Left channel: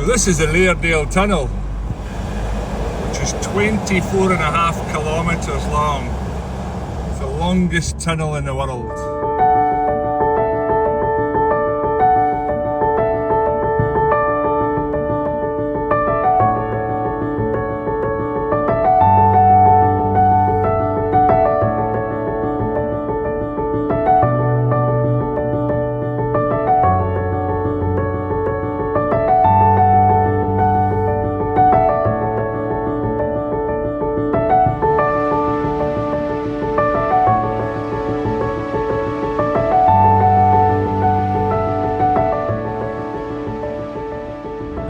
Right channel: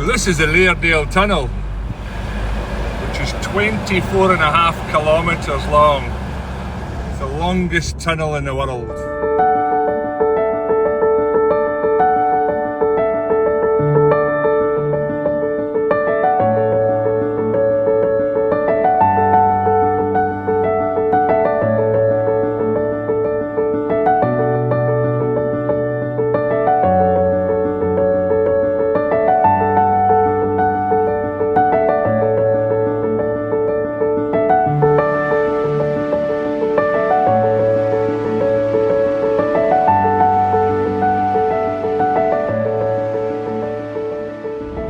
So this is the Laerdal Tunnel, which is 24.5 kilometres long. It's the longest tunnel in the world.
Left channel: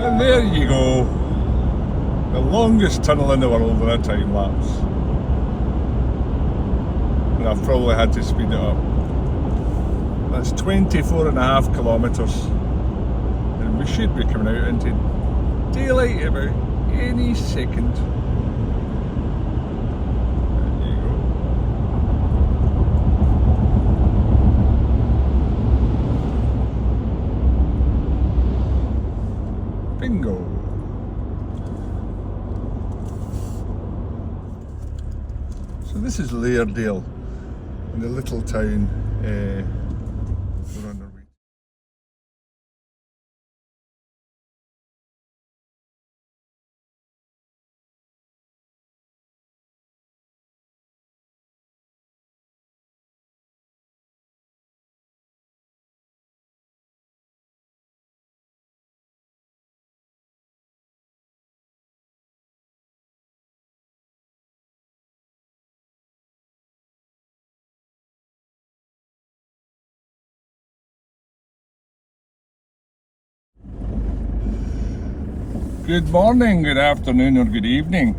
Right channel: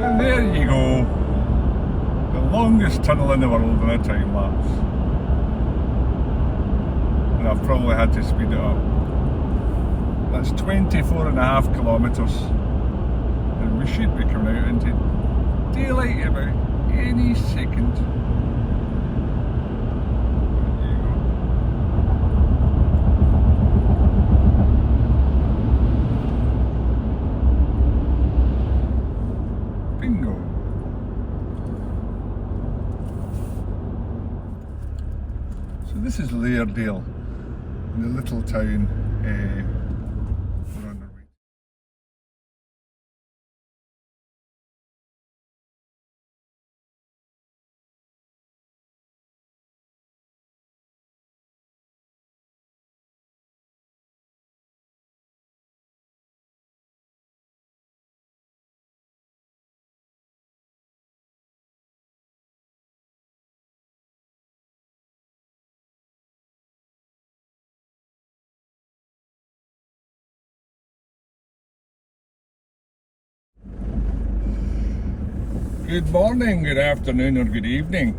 And there you go, the longest tunnel in the world in a time lapse. And I've probably had to speed it up. That's 24.5 kilometres. And we should be coming out into daylight about any second. There you go. Bingo. So this is Lærdal, in the little town around Norway. Good morning, good afternoon or good evening.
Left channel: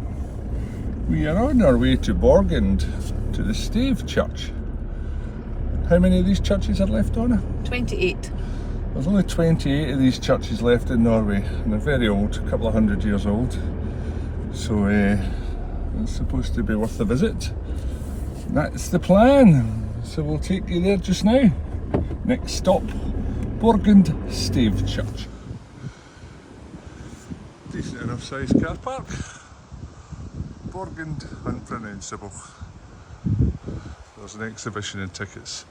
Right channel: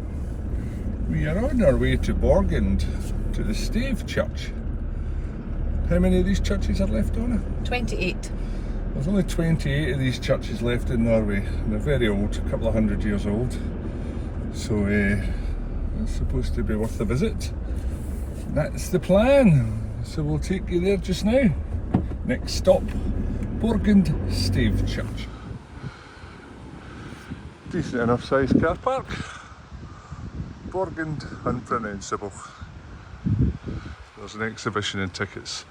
We are on our way to Borgund, to the Stave church. How many of these churches are left, Donna? 28. There's only 28 of these churches left in Norway, and they're very old, a couple of 100 years old. So it's supposed to be worth a visit. That's the plan. So we'll take you there just now. Next stop, Borgund Stave church. Decent enough sized car park. Borgund unpronounceable. There's an exhibition and tickets.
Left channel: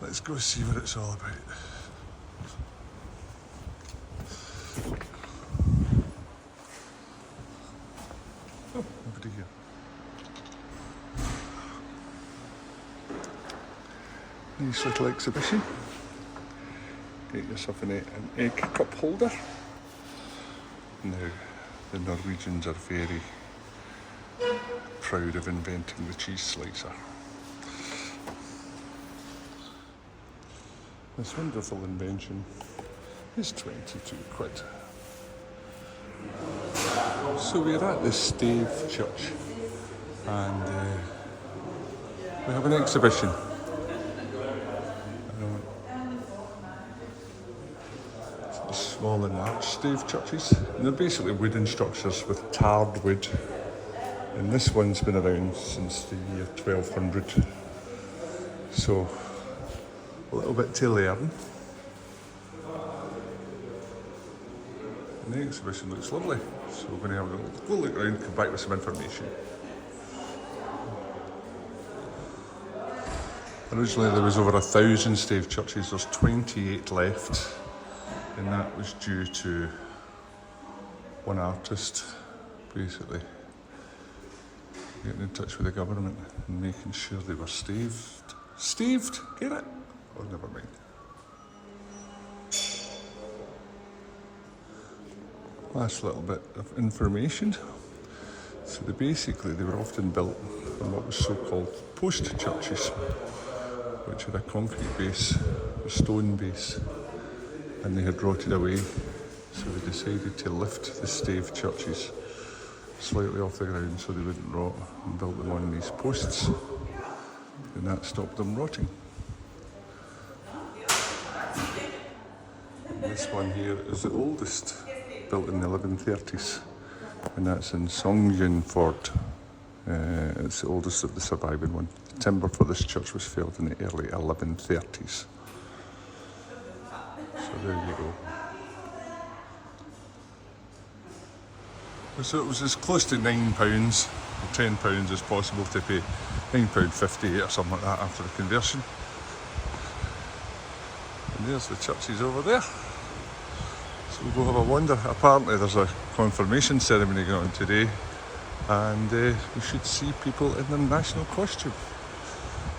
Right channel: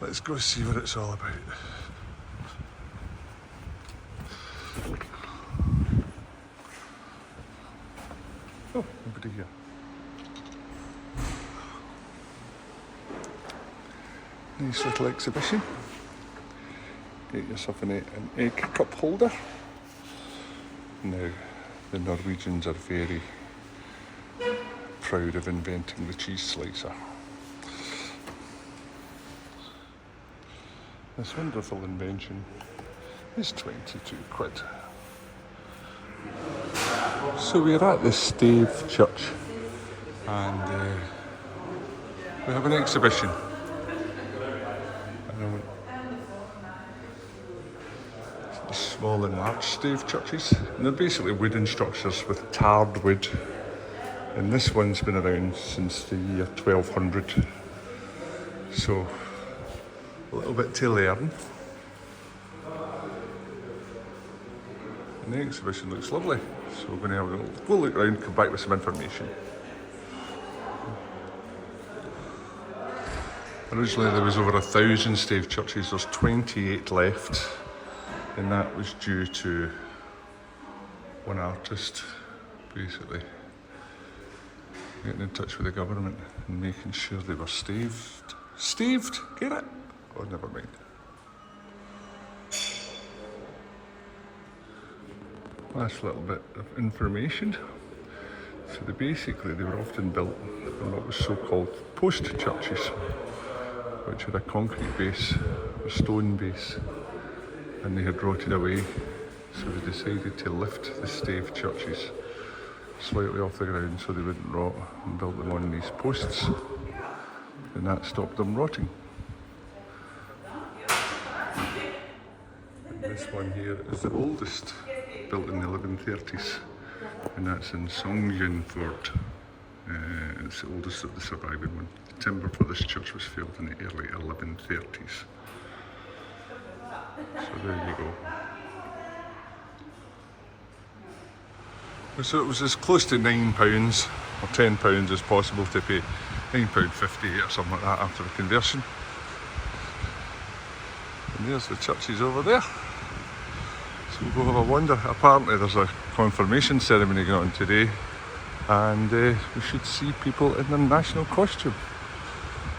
Let's go see what it's all about. Oh, nobody here. Nice little exhibition. Get yourself an egg cup holder. Now, the Norwegians are very proud of inventing the cheese slicer. This wonderful invention is 22 quid. So we're at the Stave church and we have an exhibition. Small and large stave churches, and they're basically wooden structures with tarred wood, and this one's been around since the year 1200, so a little bit to learn. And the exhibition looks lovely, so we're going to have a go look around, come back with some information. Originally there was over 1,000 stave churches, there's 28 left. And that was due to one artist basically getting in touch with the government and making sure they were staved. Staved? Get it? Oh, never mind. Last little bit of information. So they were often built on what was so-called post churches, which had a concrete base, a stone base, and they had rotted away, so they decided to lift the stave churches slightly off the ground so they wouldn't rot, and built them on these posts, and that stopped them rotting. And this one here is the oldest, built in the 1130s, and that's in Songjernford. It's the oldest of the surviving one. The timber for this church was felled in the early 1130s. So there you go. So it was as close to £9 or £10 as possible to pay, £9.58 or something like that after the conversion. And there's the churches over there. So we'll go have a wander. Apparently there's a confirmation ceremony going on today, and we should see people in their national costume,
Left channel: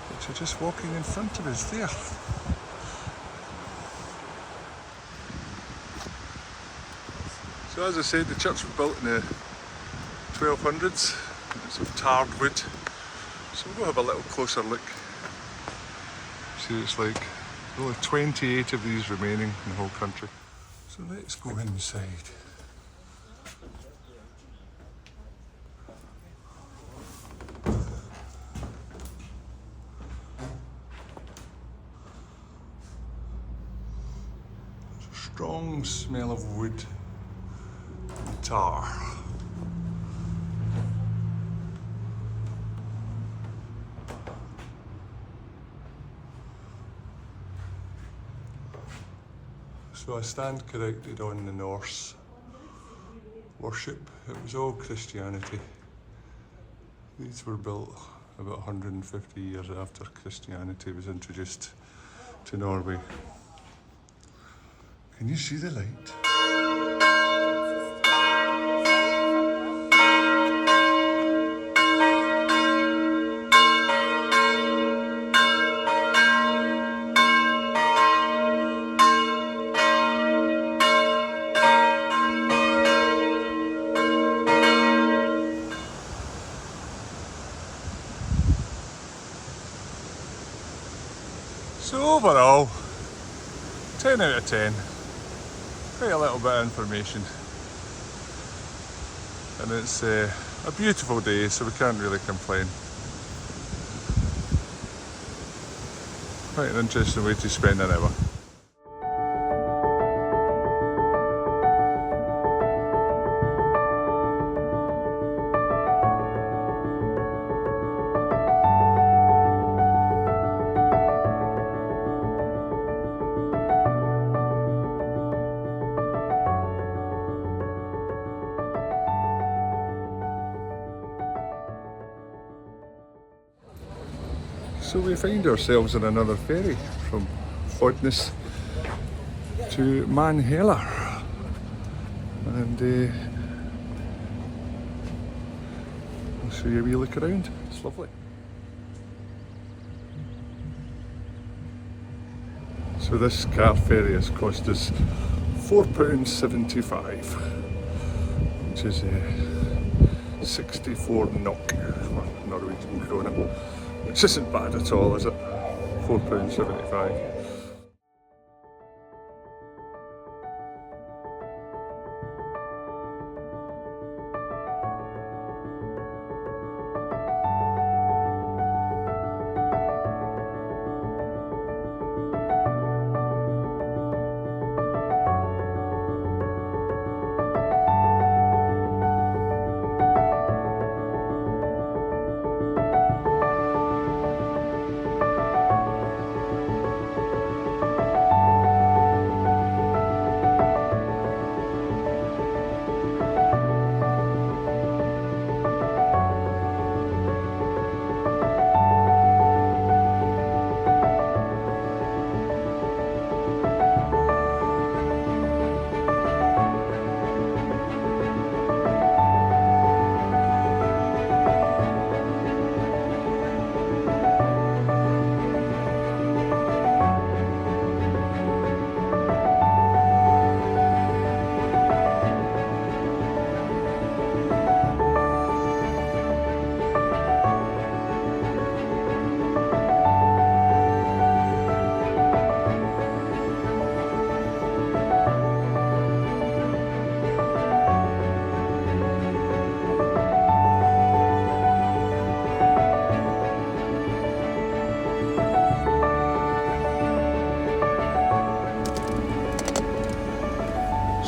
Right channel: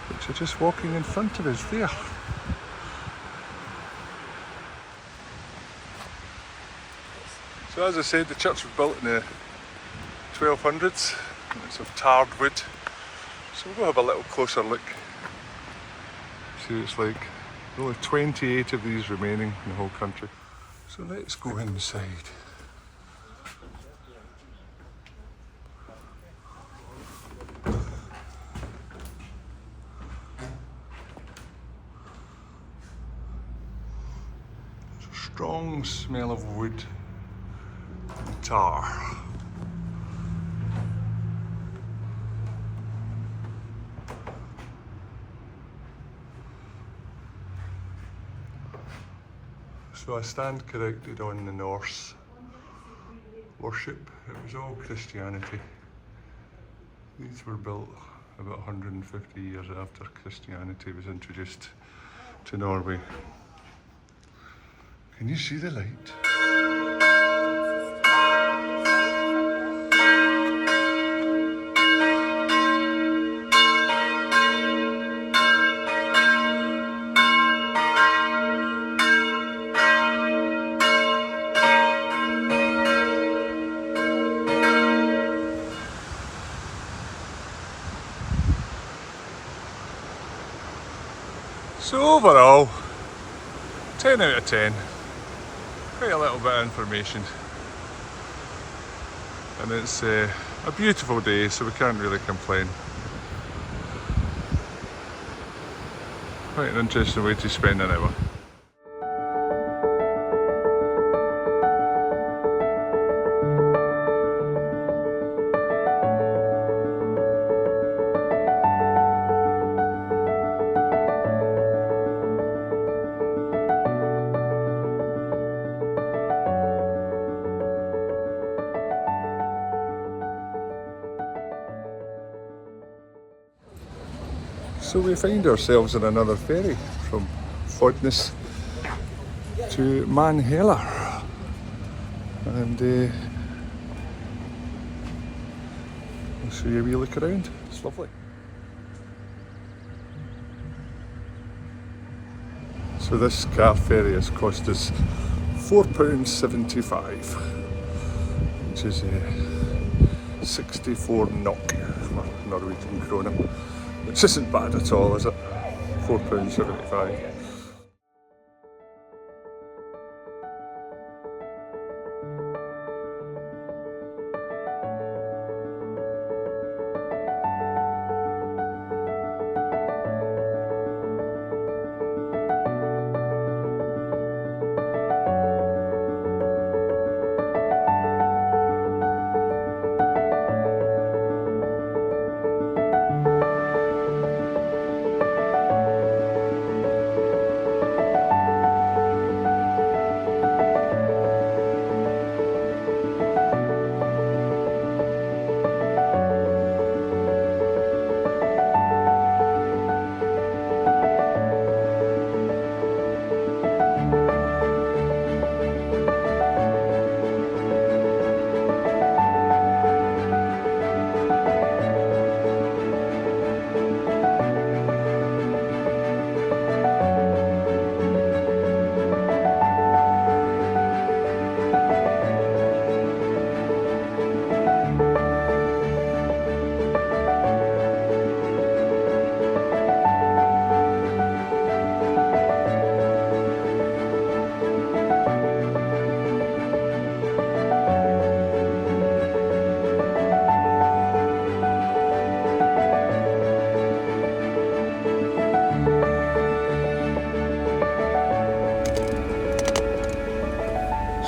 which are just walking in front of us there. So as I said, the church was built in the 1200s, and it's of tarred wood. So we'll go have a little closer look. See what it's like. There's only 28 of these remaining in the whole country. So let's go inside. There's a strong smell of wood and tar. So I stand corrected on the Norse worship. It was all Christianity. These were built about 150 years after Christianity was introduced to Norway. Can you see the light? So overall, 10 out of 10. Quite a little bit of information. And it's a beautiful day, so we can't really complain. Quite an interesting way to spend an hour. So we find ourselves in another ferry from Fodness to Manhela, and I'll show you a wee look around. It's lovely. So this car ferry has cost us £4.75, which is 64 NOK, Norwegian krona. Which isn't bad at all, is it? £4.75.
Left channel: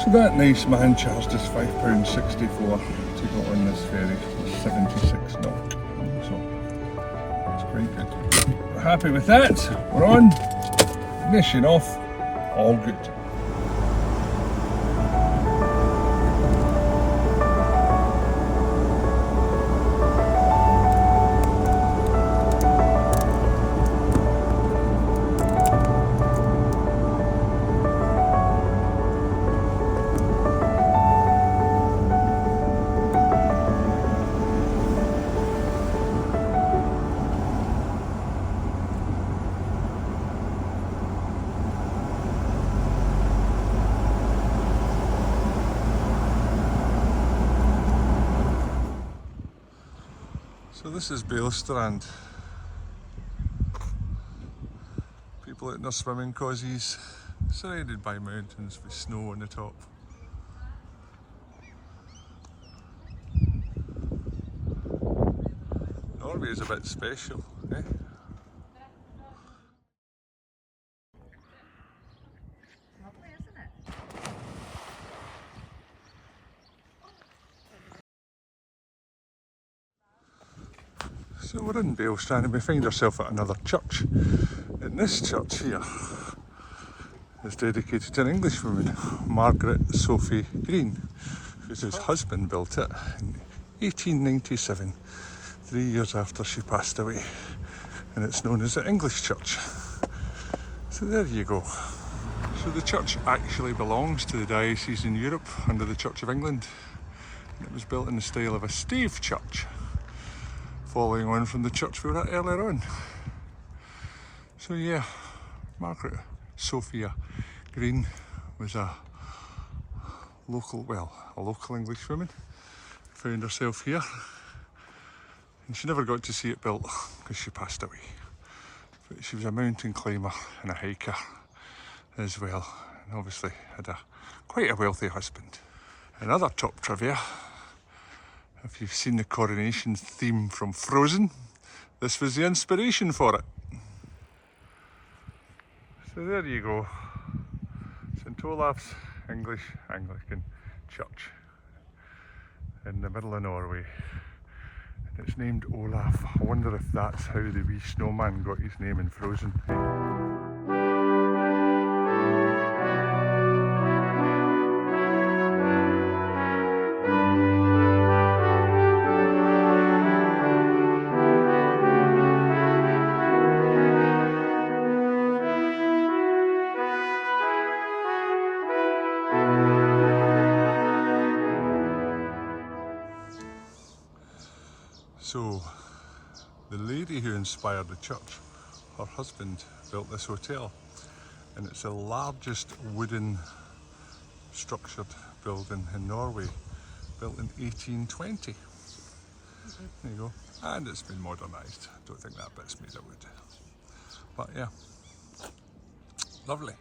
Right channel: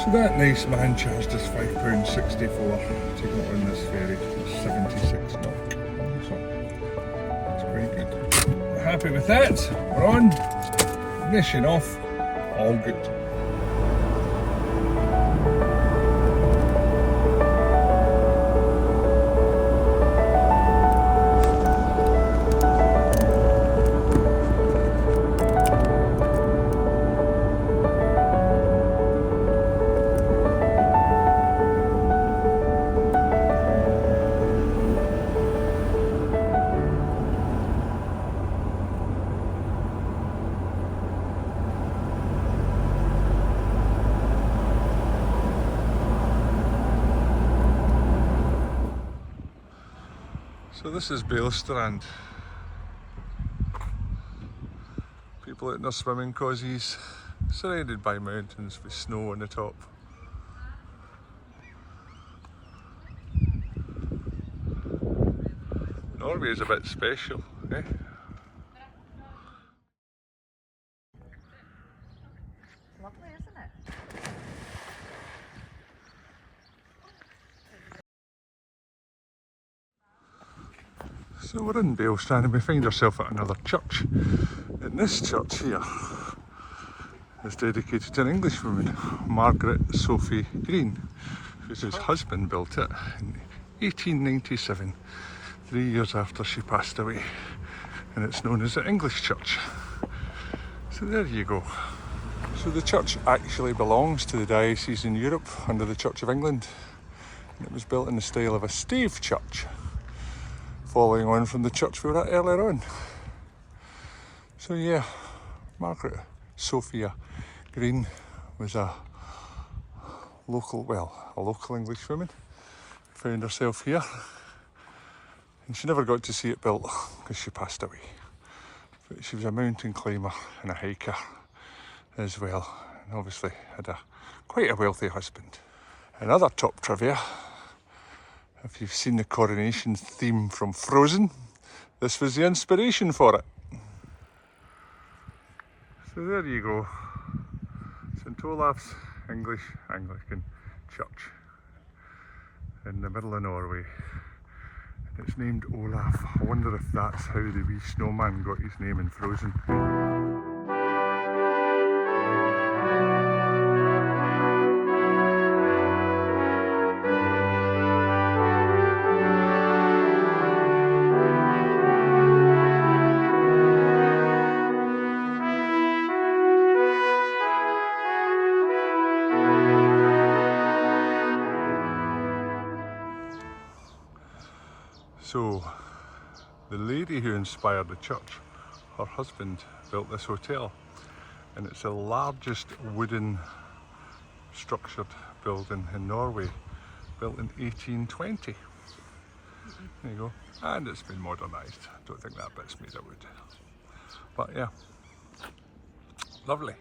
So that nice man charged us £5.64 to go on this ferry, 76 knock. So that's quite good. We're happy with that. We're on. Ignition off. All good. So this is Balestrand. People out in their swimming causes, surrounded by mountains with snow on the top. Norway is a bit special, eh? Lovely, isn't it? So we're in Balestrand and we find ourselves at another church. And this church here is dedicated to an Englishwoman, Margaret Sophie Green, whose husband built it in 1897, 3 years after she passed away. And it's known as the English Church. So there you go. So the church actually belongs to the diocese in Europe under the Church of England. And it was built in the style of a stave church, following on from the church we were at earlier on. So yeah, Margaret Sophia Green was a local English woman. Found herself here, and she never got to see it built because she passed away. But she was a mountain climber and a hiker as well, and obviously had quite a wealthy husband. Another top trivia: if you've seen the coronation theme from Frozen, this was the inspiration for it. So there you go, St Olaf's English Anglican Church in the middle of Norway. And it's named Olaf. I wonder if that's how the wee snowman got his name in Frozen. So, the lady who inspired the church, her husband built this hotel, and it's the largest wooden structured building in Norway, built in 1820. There you go, and it's been modernised. I don't think that bit's made of wood, but yeah, lovely.